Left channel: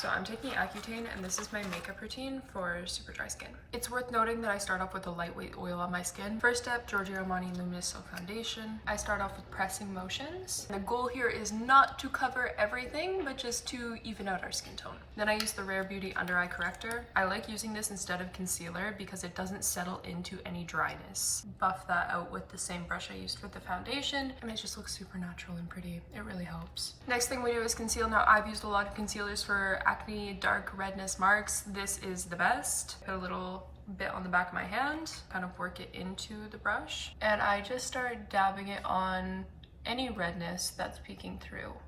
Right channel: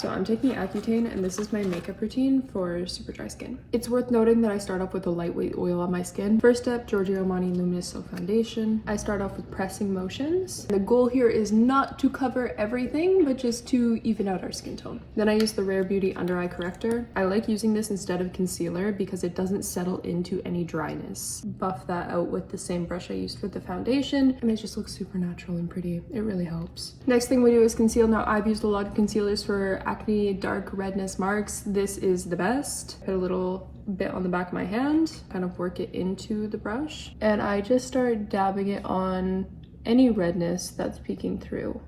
So I'm taking Accutane, and this is my makeup routine for super dry skin. It's worth noting that I start off with a lightweight oil on my skin. First step, Giorgio Armani Luminous Silk Foundation. I start off with pressing motions. The goal here is not to cover everything, but just to even out our skin tone. Then I use the Rare Beauty Under Eye Corrector. I like using this instead of concealer because it doesn't settle into any dryness. Buff that out with the same brush I used for the foundation, and it just looks super natural and pretty. It really helps. Next thing we do is conceal. Now I've used a lot of concealers for acne, dark redness marks. This is the best. Put a little bit on the back of my hand, kind of work it into the brush, and I just start dabbing it on any redness that's peeking through.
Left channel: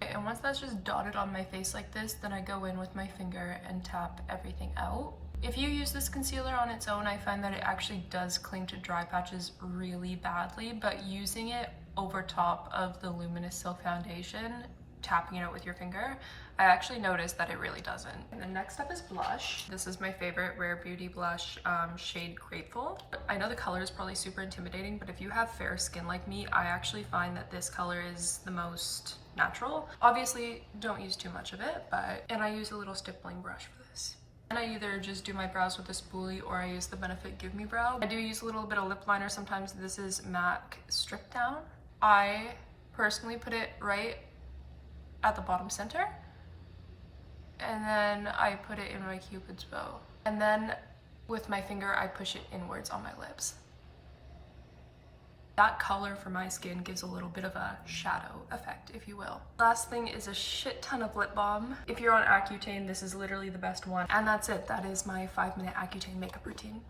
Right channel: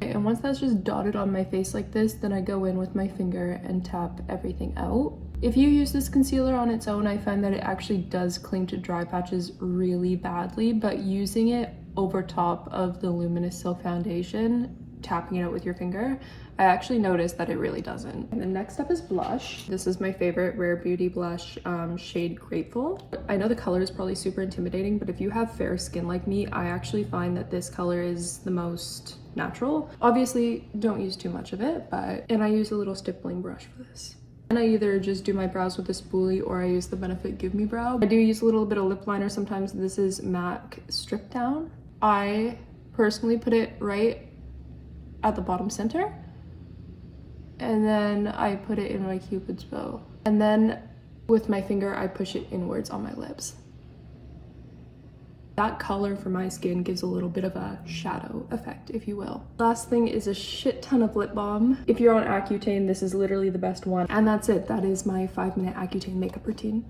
And once that's just dotted on my face like this, then I go in with my finger and tap everything out. If you use this concealer on its own, I find that it actually does cling to dry patches really badly, but using it over top of the Luminous Silk Foundation, tapping it out with your finger, I actually noticed that it really doesn't. And the next step is blush. This is my favorite Rare Beauty blush, shade Grateful. I know the color is probably super intimidating, but if you have fair skin like me, I actually find that this color is the most natural. Obviously, don't use too much of it, and I use a little stippling brush for this. And I either just do my brows with a spoolie or I use the Benefit Give Me Brow. I do use a little bit of lip liner sometimes. This is MAC Strip Down. I personally put it right at the bottom center, and then I put it in my Cupid's bow, and then with my finger I push it inwards on my lips. That color for my skin gives a little bit of a shadow effect, if you will. Last thing is a shit ton of lip balm. If you're on Accutane, this is literally the best one. And that's it. That is my 5-minute Accutane makeup routine.